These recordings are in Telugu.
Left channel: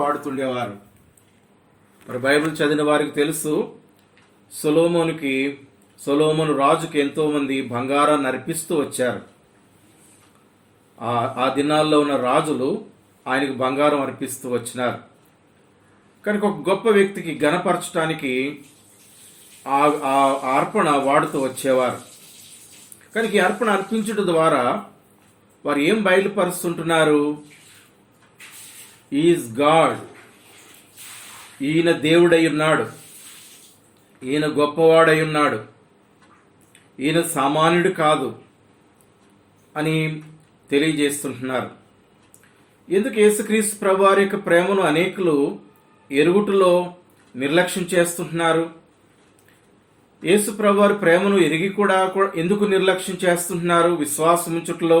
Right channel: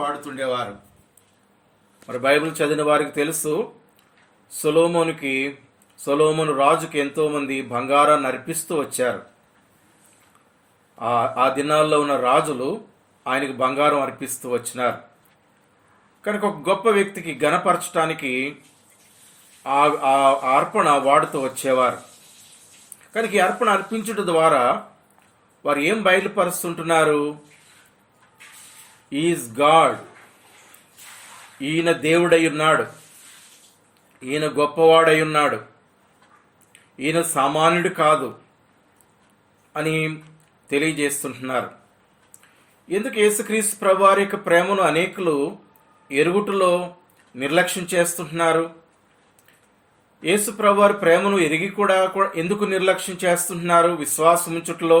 వాడుతుండేవారు. మరి బైబిల్ చదివిన వారికి తెలుసు, సొలొమోను రాజుకి ఎంతోమంది బంగారాన్ని అర్పిస్తూ వచ్చారు. ఆ దినాల్లో ఉన్న రాజులు ఆయనకు బంగారం అర్పిస్తూ వచ్చినారు. కనుక ఒక గొప్ప వ్యక్తికి ఘనపరచడానికి ఆ అర్పణ వాడుతూ వచ్చేవారు. కనుక ఈ అర్పణ అర్పించడం ద్వారా వారు ఏం బయలుపరుస్తుంటున్నారు? ఈజ్ గాడ్, ఈయన దేవుడై ఉన్నాడు, ఈయన గొప్పవాడై ఉన్నాడు, ఈయన సామాన్యుడు కాదు అని తెలియజేస్తుంటున్నారు. ఎందుకు యేసుక్రీస్తు ప్రభువారి యొక్క ప్రేమను అనేకులు ఎరుగుటలో నిర్లక్ష్యం చేస్తుంటున్నారు? యేసు ప్రభువారి ప్రేమను ఎరిగి కూడా ఎందుకు నిర్లక్ష్యం చేస్తుంటున్నారు? విశ్వాసం ఉంచుటలో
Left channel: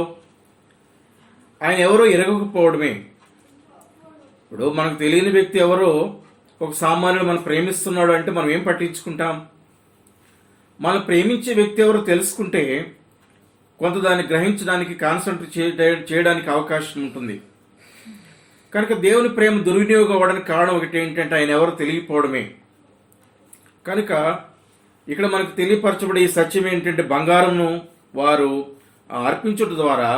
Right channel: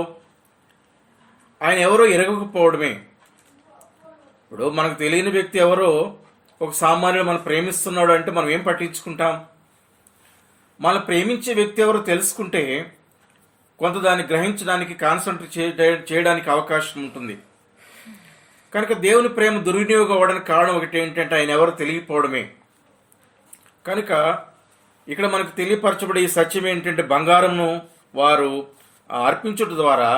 ఆయన ఎవరో ఎరగకపోవడమే. ఇప్పుడు మనకు తెలియని వ్యక్తి ఎవరో ఒక సామాన్యుడు మనం ప్రేమిస్తున్నాడు అంటే మనం ఏం పట్టించుకుంటాం? మనం ప్రేమించే వ్యక్తి ఎవరో తెలుసుకుంటే కొంత దాన్ని గ్రహించడానికి, కాన్సన్ట్రేట్ చేయడానికి అవకాశం ఉంటుంది. కనుక దేవుని ప్రేమ దుర్వినియోగం అవ్వడానికి కారణం ఒకటి ఏంటంటే ఆయన ఎవరో తెలియకపోవడమే. కనుక ఇక్కడ మనకు తెలియపరచబడే ఈ సత్యం ఏంటంటే బంగారంను వారు అర్పించడం ద్వారా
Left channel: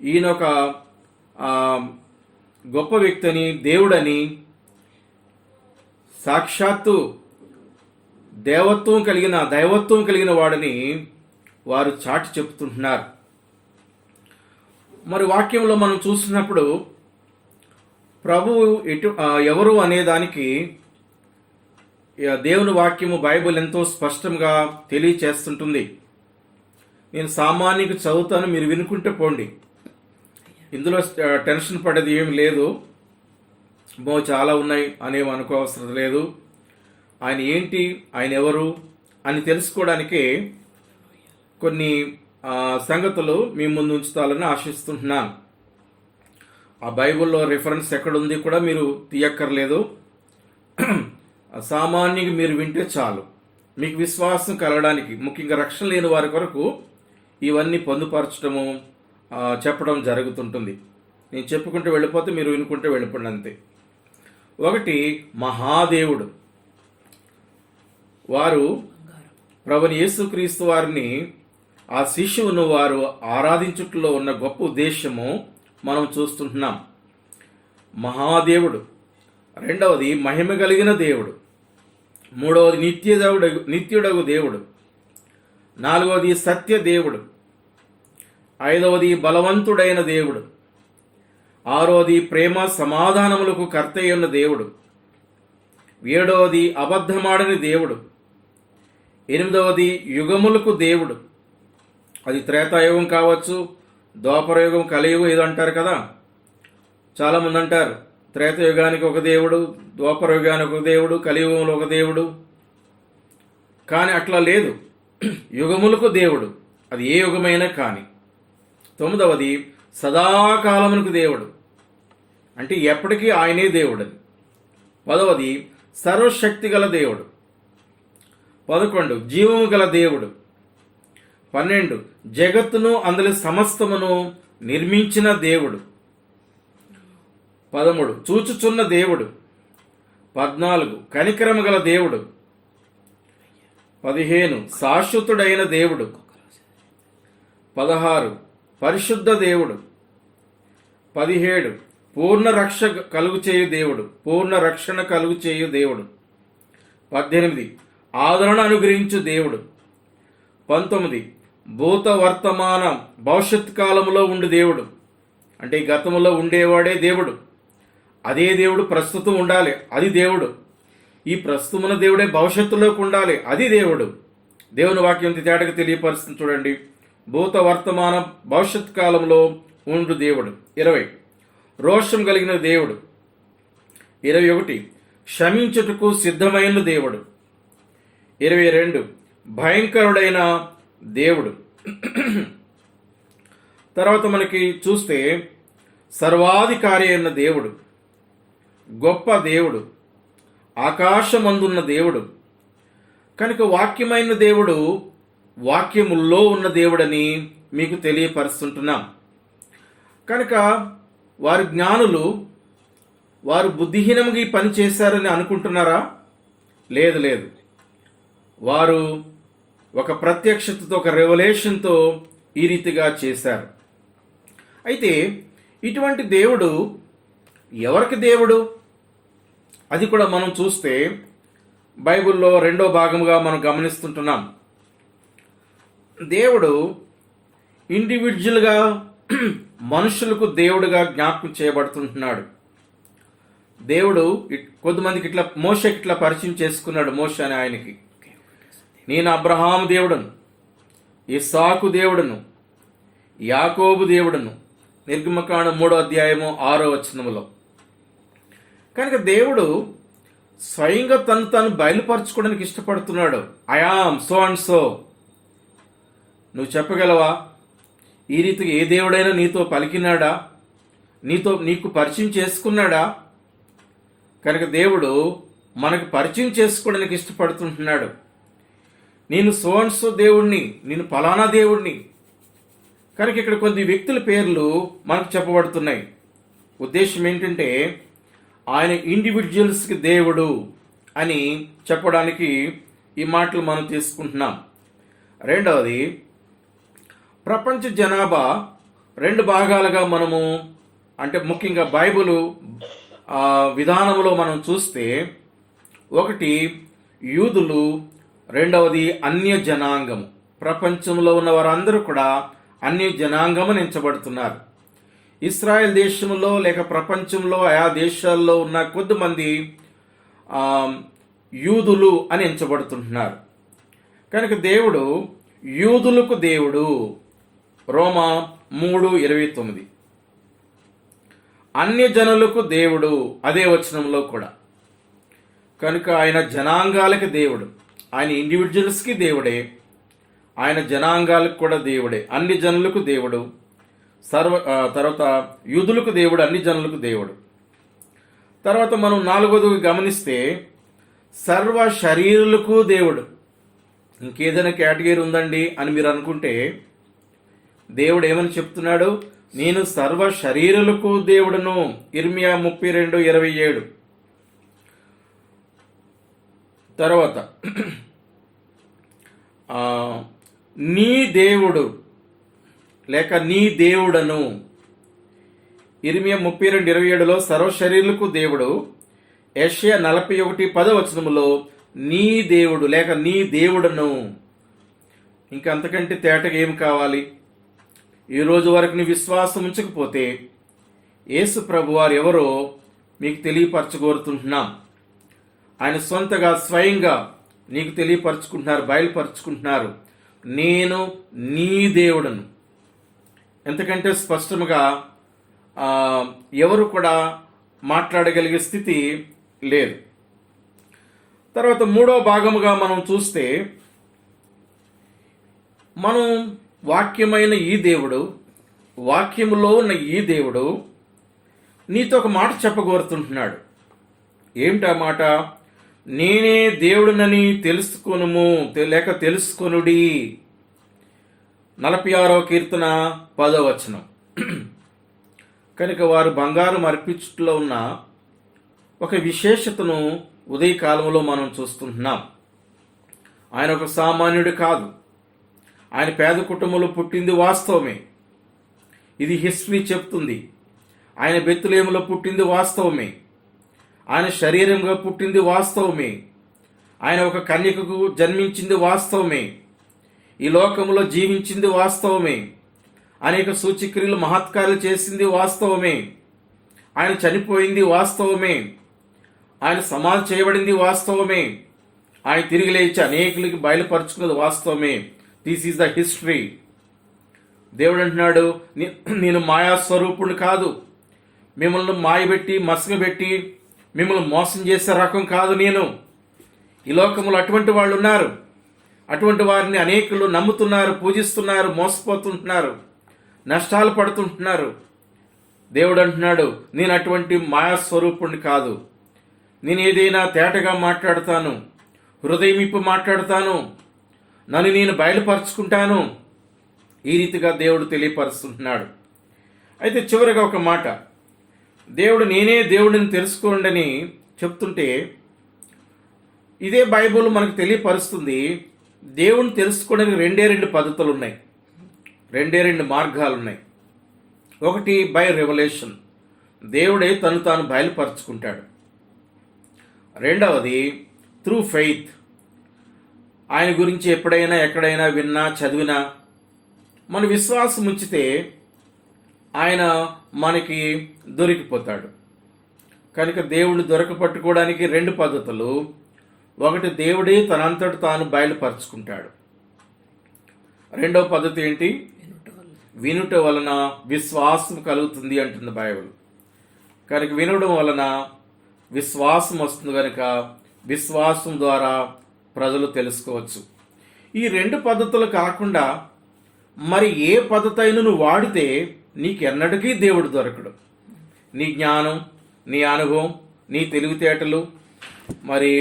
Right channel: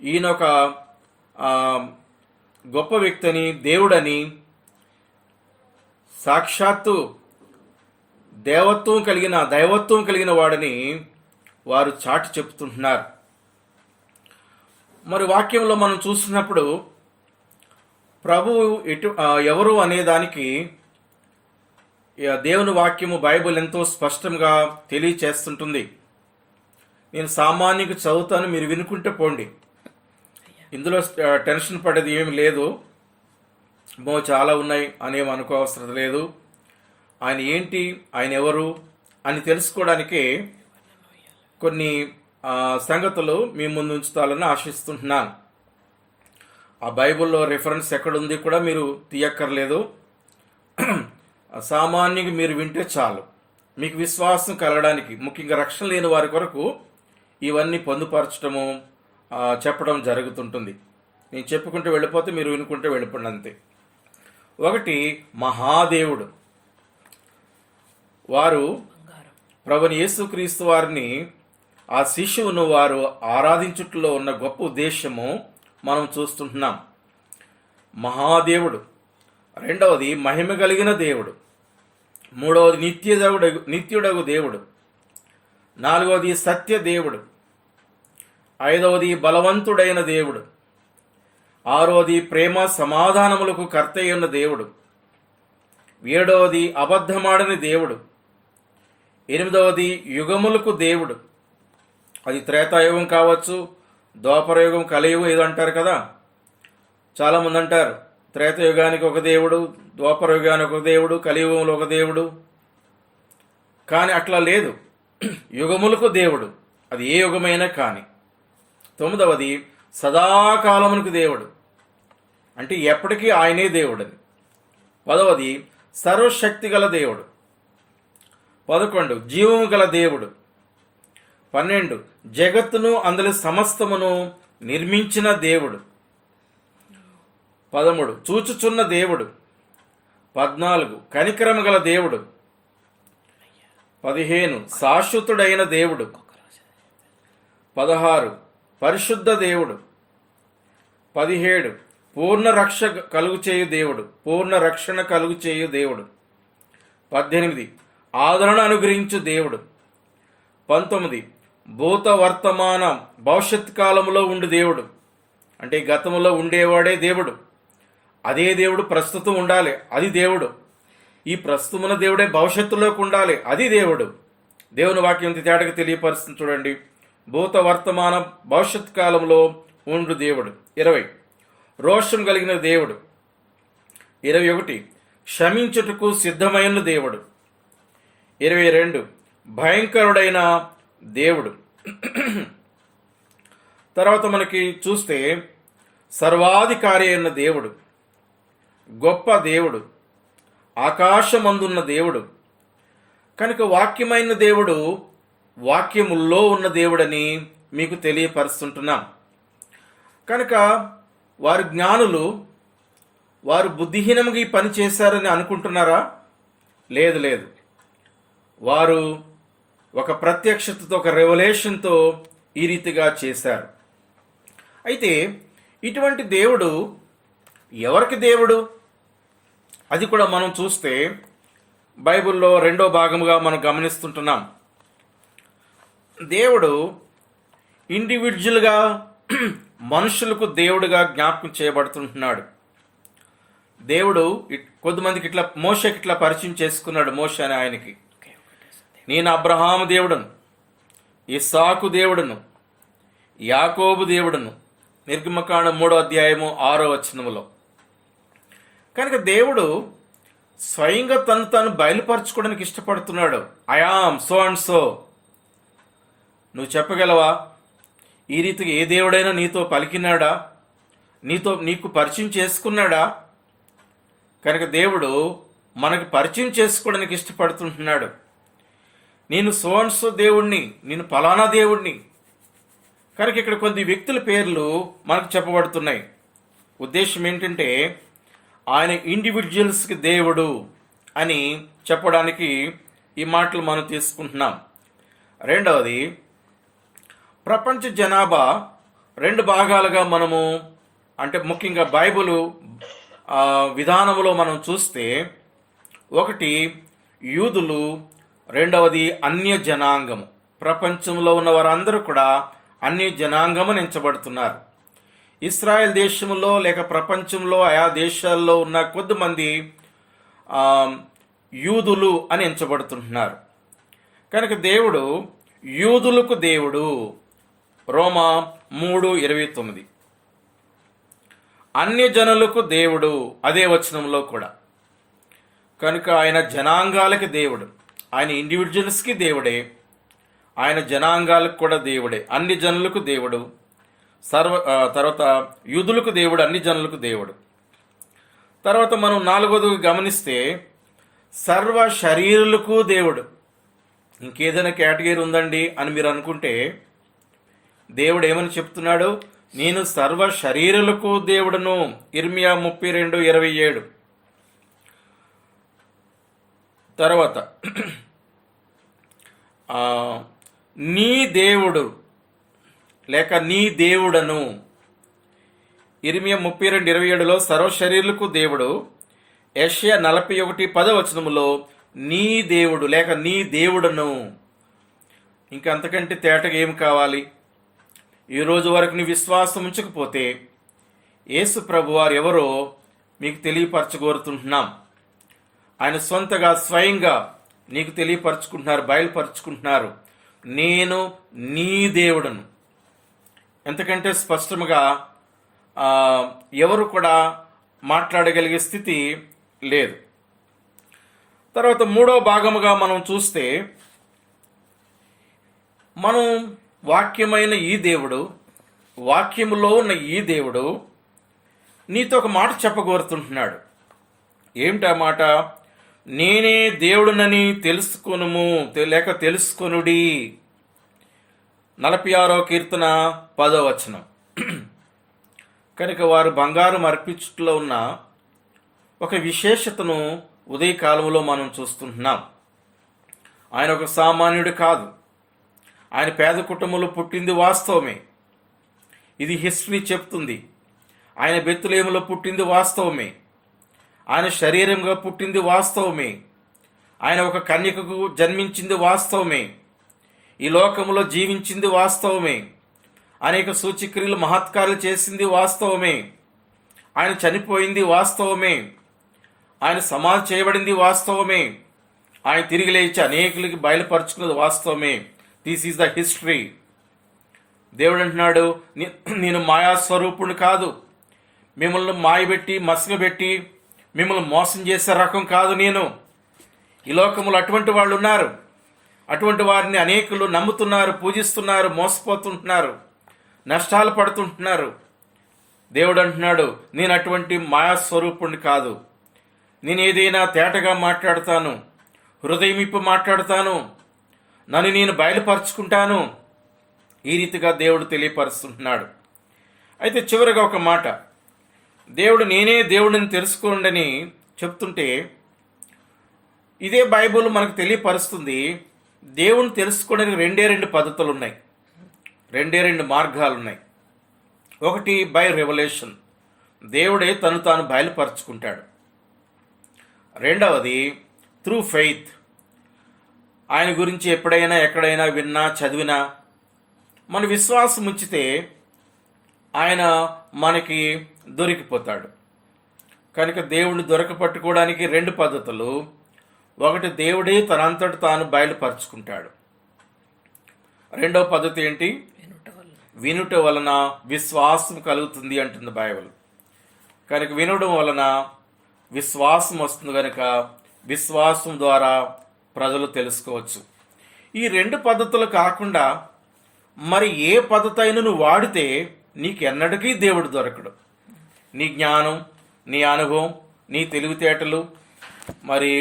ఈయన ఒక గొప్ప వ్యక్తిని, దేవుడని, సాక్షాత్తు దైవత్వం కలిగిన వాడని వారు చాటి చెప్తుంటున్నారు. మరి వాక్యంలో మనం చూస్తున్నప్పుడు ప్రభువు ఎవరు అనేదానికి దేవుని వాక్యము బైబిల్ ఎంతో స్పష్టంగా తెలియచేస్తుంటుంది. నేను సామాన్యంగా చదువుతాను, మీరు వినుకుంటే పోండి. ఇందులో టెన్షన్ పడేది ఏమి లేదు. చాలా ఉన్నాయి అనేవి అనుకోవసరం లేదు. ఆయన ఏంటి, ఆయన ఎవరు అని తెలుసుకోవడానికే కొన్ని సంగతులు మీ ముందు ఉంచుతాలని ఆశిస్తుంటున్నాను. ఆ బైబిల్లో రిఫరెన్స్ ఎక్కడుంది కూడా మీరు తీయక్కర్లేదు. సామాన్యంగా మీరు వింటే చాలు. మీకు విశ్వాసం కలగడానికి, ముఖ్యంగా రక్షణ లేని వారి కొరకు ఇవన్నీ పొందుపరచడము, చెప్పడం జరుగుతుంటుంది. నేను చెప్పుకుంటూ వెళ్ళిపోతే మీరు వినుకుంటే వెళ్ళిపోండి అంతే. ఒకటి, మహాదేవుడు. వారు ప్రభుని యేసుక్రీస్తు వారిని, ఆ శిశువును వారు ఆరాధించుట్లో ఉన్న గొప్ప ఉద్దేశము మనం చూస్తుంటున్నాం. మహాదేవుడు. రెండవది, మహిమ కలిగిన దేవుడు. మూడవది, నిత్యుడగు దేవుడు. నాలుగవది, సత్య దేవుడు. ఐదవది, బలవంతుడైన దేవుడు. ఆరవది, ప్రేమ సమాధానములకు కర్తయ్యున్న దేవుడు. ఏడవది, అబద్ధమాడని దేవుడు. ఎనిమిదవది, యుగములకు దేవుడు. అది త్రేతాయుగం కావచ్చు, ద్వాపరయుగం, కలియుగం ఏదో అంటారు కదా. చాలామంది అంటారు త్రేతయుగానికి ఒక దేవుడు, ద్వాపరయుగానికి ఒక దేవుడు, కలియుగంలో ఒక దేవుడు. కానీ అట్లా లేదు. యుగములకు దేవుడు, అది ఏ యుగమైనా కానీ. తొమ్మిదవది, సదాకాలమునకు దేవుడు, అంటే ఎప్పటికీ ఆయనే దేవుడని. 10వది, సర్వశక్తి గల దేవుడు. 11, జీవము గల దేవుడు. 12, జగత్తును అందులో సమస్తమును నిర్మించిన దేవుడు. 13, చూచుచున్న దేవుడు. 14, కనికరము గల దేవుడు. 15, శాశ్వతుడైన దేవుడు. 16, పరిశుద్ధ దేవుడు. 17, పూర్ణ రక్షణ కలుగు చేయు దేవుడు. 18, ఆదరణ అనుగ్రహించు దేవుడు. 19, భూత వర్తమాన భవిష్యత్ కాలంలో ఉండు దేవుడు, అంటే గతంలో ఉండేవాడే దేవుడు. అదే దేవుడు ప్రస్తుతం ఉండాలి, అది దేవుడు. ఈ ప్రస్తుతమున్న దేవుడే భవిష్యత్తులోకి ఉండాలి, అది దేవుడు. దేవుని వాక్యం తేటగా తెలియపరుస్తుంది చూడండి. భూత వర్తమాన భవిష్యత్ కాలంలో ఉండు దేవుడు. 20, రోషం కలిగిన దేవుడు. 21, క్షమించుటకు సిద్ధమైన దేవుడు. 22, భయంకరుడైన దేవుడు. తర్వాత మనకి చూస్తే సర్వాధికారి అయిన దేవుడు, గొప్ప దేవుడు, ఆకాశమందున్న దేవుడు. కనుక వాక్యమైన దేవుడు వాక్యముల్లో ఉన్న దేవుడని మీకు తెలియపరుస్తుంటున్నాం. కనుక వారి జ్ఞానులు వారు బుద్ధిహీనంగా ఈ పని చేశారని అనుకుంటున్నారా? లేదు లేదు. వారు ఒక ప్రత్యక్షతతో, ఒక రెవల్యూషన్తో ఈ రీతిగా చేశారు. అయితే ఇటువంటి దేవుడు ఎవరికి దేవుడు? అది కూడా మనం చూస్తే బైబిల్లో 2వ భాగముగా మనం గమనిస్తుంటున్నాం. దేవుడు ఇండివిజువల్గా మనుషులకు దేవుడుగా జ్ఞాపకం చేయబడుతుంటున్నాడు. దేవుడు కొద్దిమందికి ఇట్లా మోషకి ఇట్లా పరిచయం చేసుకున్నాడు. మోషే అని ఆయనకి, నేను అబ్రహాము దేవుడును, ఇస్సాకు దేవుడును, యాకోబు దేవుడును, నిర్గమకాండం 3వ అధ్యాయము 6వ వచనములో. కనుక దేవుడు స్వయంగా తను బయలుపరచుకోవడానికి ఇష్టపడుతున్నాడు. I am so and so. నువ్వు చెప్పగలవా? ఈ రీతిగా ఏ దేవుడైనా నీతో పలికినాడా? నీకు పరిచయం చేసుకున్నాడా? కనుక దేవుడు మనకు పరిచయం చేసుకోవడానికి ఇష్టపడుతుంటున్నాడు. నేను సో అండ్ సో దేవుణ్ణి, నేను ఫలానా దేవుణ్ణి. కనుక ఇక్కడ కొద్ది వ్యక్తుల పేర్లు మనకు చెప్పబడుతున్నాయి. ఉద్దేశం ఏంటంటే ఆయన ఇండివిజువల్స్కి దేవుడు అని చెప్పడానికి ఈ మాటలు మనం తీసుకుంటున్నాం. రెండవది, ప్రపంచ జనాభా 2 భాగాలుగా మనము, అంటే ముఖ్యంగా బైబిలు విధానంలో మనం చూస్తే, ఒకటి యూదులు, రెండవది అన్య జనాంగము. ప్రపంచంలో ఉన్న వారందరూ కూడా అన్య జనాంగము ఎంచబడుతున్నారు. ఇస్రాయెల్ దేశంలో లేక ప్రపంచంలో ఆయా దేశాల్లో ఉన్న కొద్దిమంది యూదులు అని ఎంచబడుతుంటున్నారు. కనుక దేవుడు యూదులకు దేవుడు. రోమా 3:29. అన్య జనులకు దేవుడు, అదే వచనంలో కూడా. కనుక ఆయన జనాంగాలకి దేవుడు. ఆయన ఇండివిజువల్స్కి దేవుడే, ఆయన జనాంగాలకు కూడా దేవుడే. అన్ని జనులకు దేవుడు. తర్వాత యూదులకు దేవుడు, అన్ని జనులకు దేవుడు. తర్వాత మనం 4వది గమనిస్తే సర్వ శరీరులకు దేవుడు. ఇంకేదైనా కేటగిరీ ఉందండి అని మీరు అనుకుంటే, దేవుడు ఏమని చెప్తున్నాడు? నేను సర్వ శరీరులకు దేవుడును. ఇర్మియా 32:27. తర్వాత నీ దేవుడు లేక నీ దేవుడను. ఇర్మియా 32:27లో సర్వ శరీరులకు దేవుడు. యెషయా 41:10 నీ దేవుడు లేక నీ దేవుడను. ఇంకా అంతకంటే తేటగా ఏం కావాలి? ఈ రోజు వరకు నీ విశ్వాసం ఉంచకపోతే యేసు ప్రభు వారు ఎవరో మీకు తెలియపరచగోరుతుంటున్నాం. ఆయన సొంతగా స్వయంగా నీకు తెలియపరచుకుంటున్నారు, బయలుపరుచుకుంటున్నారు. నేను నీ దేవుడను. ఎంతకంటే స్పష్టంగా ఎవరు కూడా మాట్లాడగలిగే స్థితి లేదు. తర్వాత 3వ భాగముగా మనం చూస్తే, మనం వాక్యమైన ఈ దేవుడు, వాక్యములో ఉన్న ఈ దేవుడు నీతో ఒక మాట చెప్పగోరుతుంటున్నాడు. ఏమిటా మాట? నేనే దేవుడునని తెలుసుకొనుము లేక తెలుసుకొనుడి. 46వ కీర్తన 10వ వచనం. కనుక వారు బంగారం అర్పించుట్లో ఉన్న ఒక విశేషతను ఉదయకాలంలో మనం చూస్తుంటున్నాం. ఆయన ఒక సామాన్యుడు కాదు. ఆయన పేద కుటుంబంలో పుట్టింది వాస్తవమే. ఇది హిస్టరీ చెప్తుంది. ఆయన బెత్లెహేములో పుట్టింది వాస్తవమే. ఆయన శరీరంగా పుట్టింది వాస్తవమే. ఆయన ఒక కన్యకకు జన్మించింది వాస్తవమే. ఈ లోకంలో జీవించింది వాస్తవమే. అనేక సూచక్రియలు మహత్కార్యాలు చేసింది వాస్తవమే. ఆయన చనిపోయింది వాస్తవమే. ఆయన సమాధి చేయబడింది వాస్తవమే. ఆయన తిరిగి లేచి అనేకులకి బయలుపరుచుకున్నది వాస్తవమే. This is the history. దేవుడు అంటున్నాడు, నేను మాయాస్వరూపుణ్ణి కాదు. మిమ్మల్ని మాయబెట్టి మసగబెట్టి మిమ్మల్ని మోసం చేసే రకం కాదు నేను. ఈ లోకంలో అటువంటి వాళ్ళు ఉన్నారు. అటువంటి వారిని అనేకులు నమ్ముతున్నారు, పూజిస్తున్నారు, మోసపోతుంటున్నారు, నష్టాలు పడుతుంటున్నారు. దేవుడు అంటున్నాడు, నేను అటువంటి మాయాస్వరూపుణ్ణి కాదు. నేను ఏదైనా తేటగా మాట్లాడతాను, హృదయమిప్పు మాట్లాడతాను, నన్ను నేను బయలుపరుచుకుంటాను. ఈ రీతిగా దేవుడు తెలియపరుస్తుంటున్నాడు. అయితే చివరిగా ఒక మాట, దేవుడు నేనే దేవుడిని తెలుసుకోండి చెప్తుంటే, ఇదే బైబుల్ మనకు తెలియపరుస్తుంది దేవుని తెలుసుకోవడానికి రెండు పద్ధతులు ఉన్నాయి, రెండు మార్గాలు ఉన్నాయి. ఒకటి బై రెవల్యూషన్, దేవుడే తాను బయలుపరుచుకుంటాడు. రెండవది త్రూ ఫెయిత్, ఆయన గురించి ఎప్పుడైనా ఎక్కడైనా విన్నా చదివినా మన విశ్వాసం ఉంచితే ఆయన మనకి దొరికిపోతాడు. కనుక దేవుడిని దొరకపట్టుకోవడానికి రెండు పద్ధతులు. ఒకటి, దేవుడే తనంతట తాను బయలుపరుచుకుంటాడు. రెండవ పద్ధతి ఏంటి? వినుట వలన విశ్వాసం కలుగుతుంది అంటుంది బైబిల్. కనుక వినడం వలన విశ్వాసం వస్తుంది. కనుక విశ్వాసం ద్వారా ప్రజలు తెలుసుకోవచ్చు. ఈ రెండు పద్ధతులు కాకుండా మరి ఏ పద్ధతి అయినా నువ్వు వాడితే నీకెన్నటికీ దేవుడు దొరకడు. నీ జ్ఞానం, నీ అనుభవం, నీ తెలివితేటలు, మరి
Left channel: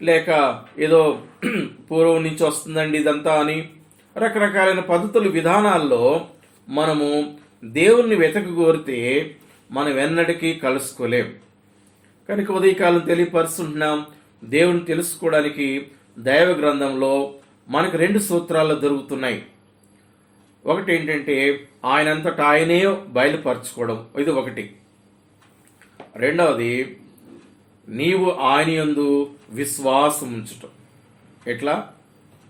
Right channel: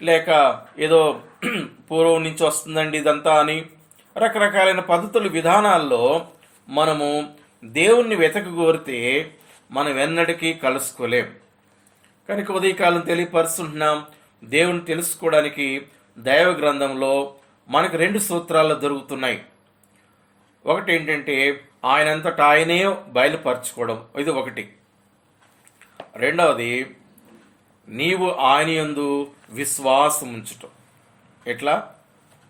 లేక ఏదో పూర్వం నుంచి వస్తుందండి ఇదంతా అని రకరకాలైన పద్ధతులు, విధానాల్లో మనము దేవుణ్ణి వెతకగోరితే మనం ఎన్నటికీ కలుసుకోలేం. కనుక ఉదయకాలం తెలియపరుస్తుంటున్నాం, దేవుని తెలుసుకోవడానికి దైవ గ్రంథంలో మనకు రెండు సూత్రాలు దొరుకుతున్నాయి. ఒకటి ఏంటంటే ఆయనంతటా ఆయనే బయలుపరచుకోవడం, ఇది ఒకటి. రెండవది, నీవు ఆయన యందు విశ్వాసం ఉంచటం. ఎట్లా?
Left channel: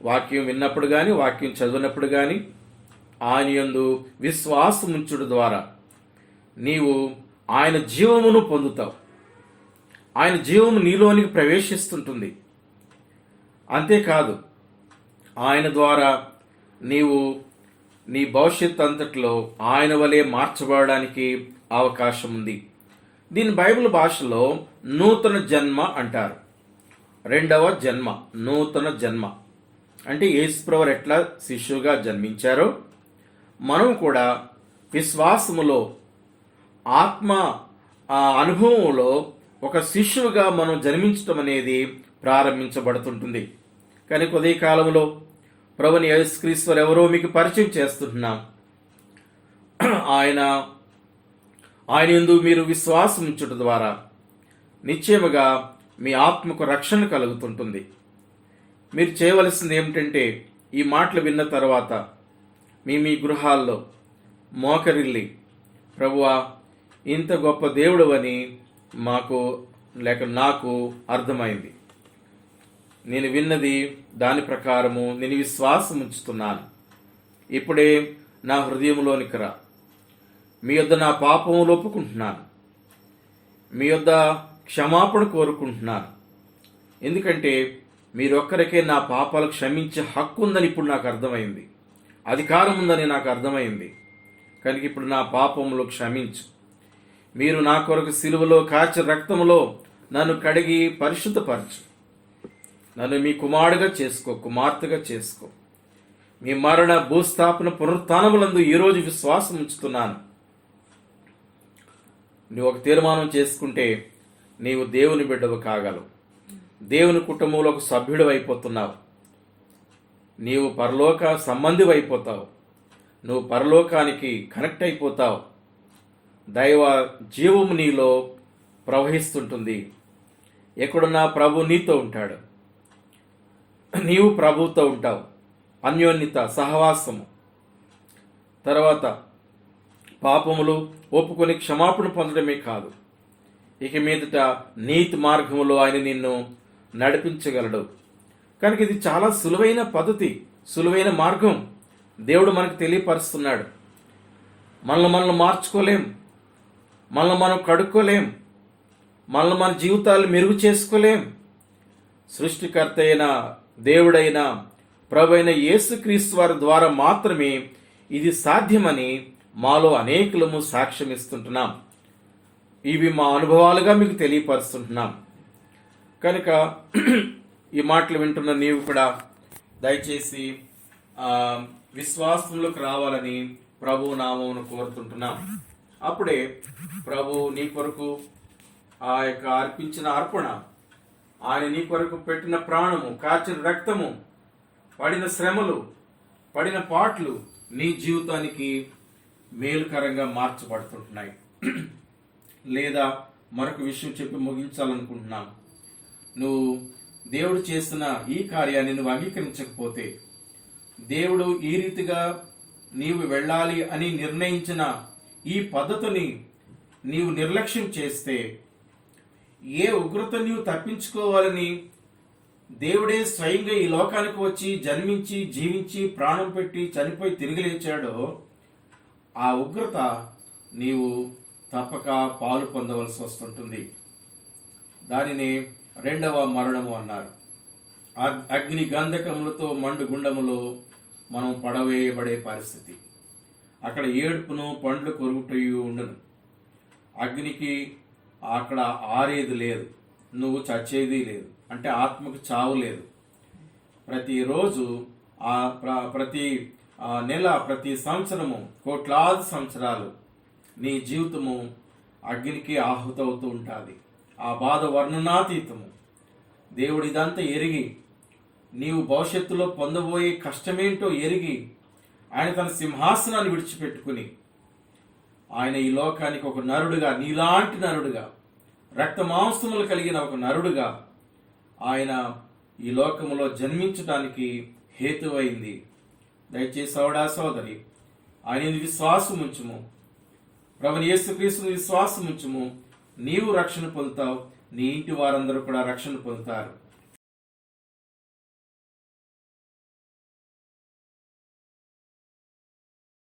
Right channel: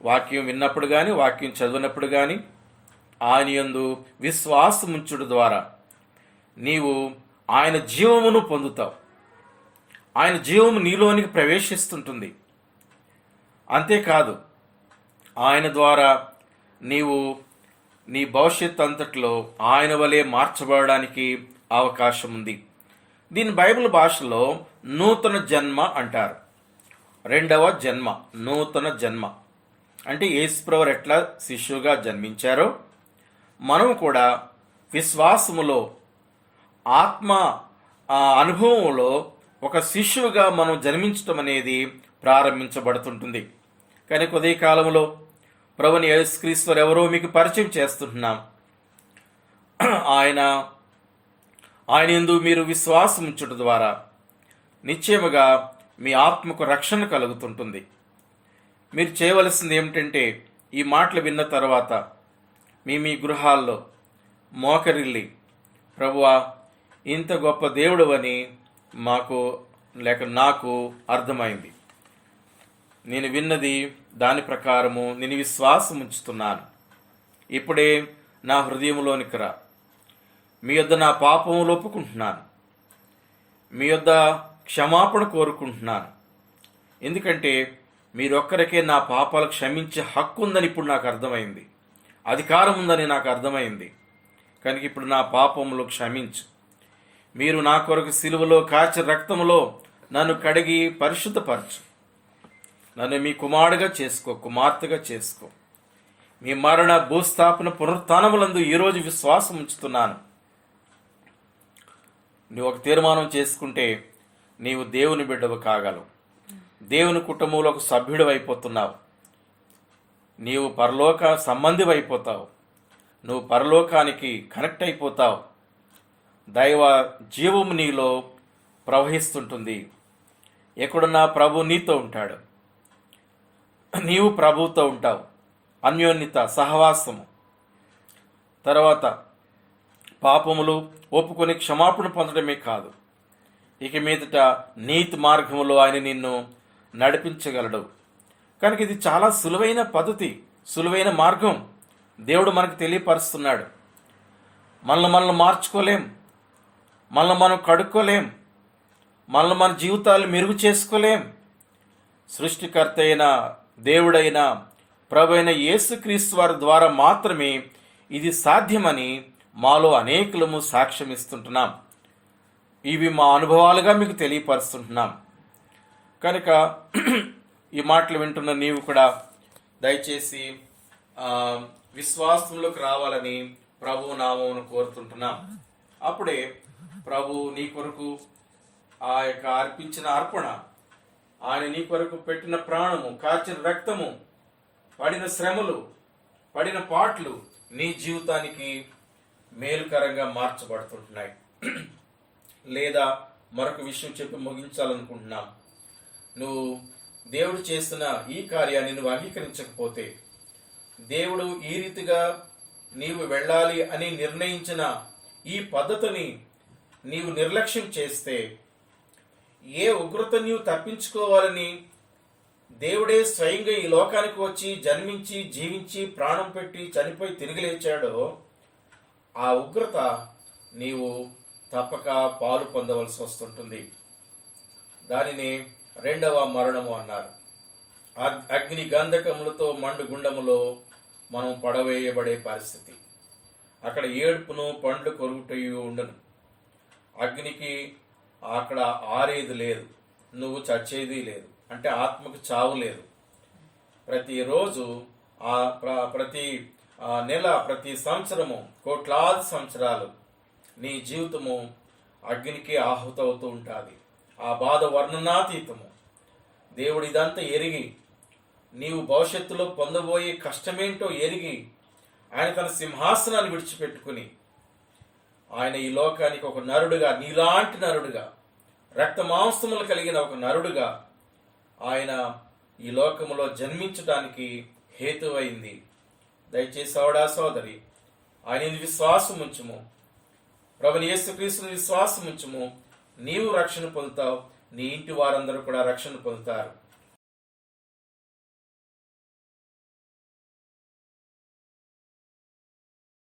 వాక్యం విన్నప్పుడు కానీ, వాక్యం చదివినప్పుడు కానీ ఆయన యందు విశ్వాసం ఉంచుట ద్వారా నీవు ఆయన జీవమును పొందుతావు. ఆయన జీవము నీలోనికి ప్రవేశిస్తుంటుంది. అంతేకాదు, ఆయన ద్వారా నీవు నీ భవిష్యత్ అంతట్లో ఆయన వలె మార్చబడడానికి అవకాశం ఉంది. దీని బైబిల్ భాషలో నూతన జన్మ అంటారు. రెండవ జన్మ, నూతన జన్మ అంటే యేసుప్రభు ఎట్లా శిష్యుగా జన్మించారో మనం కూడా విశ్వాసములో, ఆత్మ అనుభవంలో ఒక శిష్యువుగా మనం జన్మించటం అనేది ప్రారంభించబడుతుంటుంది. కానీ కొద్ది కాలంలో ప్రభుని యేసుక్రీస్తు ఎవరో మీకు పరిచయం చేస్తుంటున్నాం. ఆయన యందు మీరు విశ్వాసం ఉంచుట ద్వారా నిశ్చయముగా మీ ఆత్మకు రక్షణ కలుగుతుంటుంది. మీరు చేయవలసింది ఏమిటంటే, ఈ మాటలు విన్న తర్వాత మీ గృహాల్లో మోకరిల్లి, ప్రభువా ఇంత గొప్ప దేవుడు అని నాకు అర్థమైంది. నేను విన్నది దాని ప్రకారము నేను విశ్వాసం ఉంచుతున్నాను. ఇప్పుడే నా హృదయంలోనికి రా. మీ యొద్ద నా పాపములు ఒప్పుకుంటున్నాను. మీ యొద్ద క్షమాపణ కోరుకుంటున్నాను. ఎందుకంటే మీరొక్కరికే నా పాపాలు క్షమించే హక్కు ఉందని ఇప్పుడు నాకు అర్థమైంది, అధికారం ఉందని నాకు అర్థమైంది. కనుక ఇప్పుడు నా పాపములు క్షమించు. మీరు నా కొరకు సిలువలో కాచి రక్తములో నన్ను కడిగి పరిశుద్ధపరచు. నన్ను మీ కుమారుడుగా చేసుకో, కుమార్తెగా చేసుకో. మీ మరణ, భూస్థాపన, పునరుత్థానములందు ఈరోజు విశ్వాసం ఉంచుతున్నాను. నువ్వు ఒక తీర్మానం చేసుకుంటే నీవు దేవుని బిడ్డవు కాగలవు. దేవుని కుటుంబంలో ఒక సభ్యుడు అయిపోతున్నావు. నీవు పరలోక సంబంధి అయిపోతావు. నువ్వు పరలోకానికి కనెక్ట్ అయిపోతావు. దైవ జీవము నీలో ప్రవహిస్తుంటుంది. ఎక్కడున్నా ప్రభు నీతో ఉంటాడు, నీవు ప్రభువుతో ఉంటావు. అన్యోన్యత, సహవాసము. తర్వాత పాపములు ఒప్పుకొని క్షమాపణ పొందడమే కాదు, ఇక మీదట నీతి మార్గములో ఆయన నిన్ను నడిపించగలడు. కనుక ఇది చాలా సులువైన పద్ధతి, సులువైన మార్గం దేవుడు మనకు తెలియపరుస్తున్నాడు. మనల్ని మార్చుకోలేం, మనల్ని మనం కడుక్కోలేం, మనల్ని మన జీవితాలు మెరుగు చేసుకోలేం. సృష్టికర్త అయిన దేవుడైన ప్రభు అయిన యేసుక్రీస్తు వారి ద్వారా మాత్రమే ఇది సాధ్యమని మాలో అనేకులము సాక్ష్యం ఇస్తుంటున్నాం. ఇవి మా అనుభవాలుగా మీకు తెలియపరుస్తుంటున్నాం. కనుక ఈ మాటలు వింటున్న నీవు కూడా దయచేసి విశ్వాసంలోకి రావాలని ప్రభు నామమును కోరుతుంటున్నాం. అప్పుడే ప్రభు నీ కొరకు ఆ యొక్క అర్పించిన అర్పణ, ఆయన నీ కొరకు పెట్టిన ప్రాణము, కాచిన రక్తము, పడిన శ్రమలు, పడిన పాటలు నీ జీవితానికి మేలుకరంగా మార్చబడుతుంటున్నాయి. లేదా మరొక విషయం చెప్పి ముగించాలనుకుంటున్నాం. నువ్వు దేవుడు చేస్తున్న ఈ కార్యాన్ని నువ్వు అంగీకరించకపోతే, దేవుడు ఈ రీతిగా నీవు వెళ్ళాలి అని నిర్ణయించిన ఈ పద్ధతిని నీవు నిర్లక్ష్యం చేస్తే, ఏ ఉగ్రత నీవు తప్పించుకోవాలని దేవుడే స్వయంగా ఈ లోకానికి వచ్చి జన్మించి జీవించి ప్రాణం పెట్టి చనిపోయి తిరిగి లేచాడో, ఆ ఉగ్రత నీవు తప్పక పాలు పొందవలసి వస్తుంటుంది. దానిని రెండవ మరణము అన్నారు. అగ్ని గంధకములతో మండు గుండములో మనం పడవేయబడే పరిస్థితి. అక్కడ ఏడుపును పండ్లు కొరుకుటయు ఉండను. అగ్నికి అక్కడ ఆరేది లేదు, నువ్వు చచ్చేది లేదు, అంటే ఆత్మకు చావు లేదు. ప్రతిరోజు ప్రతి నెల, ప్రతి సంవత్సరము, కోట్లాది సంవత్సరాలు నీ జీవితము అగ్నికి ఆహుతవుతూ ఉంటుంది. ఆ బాధ వర్ణనాతీతము. దేవుడు ఇదంతా ఎరిగి, నీవు భవిష్యత్తులో పొందబోయే కష్టమేంటో ఎరిగి, ఆయన తన సింహాసనాన్ని విడిచిపెట్టుకుని ఆయన ఈ లోకానికి ఒక నరుడుగా, నీలాంటి నరుడుగా, రక్త మాంసములు కలిగిన ఒక నరుడుగా ఆయన ఈ లోకములో జన్మించడానికి హేతువైంది. దయచేసి సోదరా సోదరి, ఆయన విశ్వాసం ఉంచుము, ప్రభువైన యేసుక్రీస్తుని విశ్వాసం ఉంచుము. నీవు రక్షణ పొందుతావు, నీ ఇంటి వారందరూ కూడా రక్షణ పొందుతారు.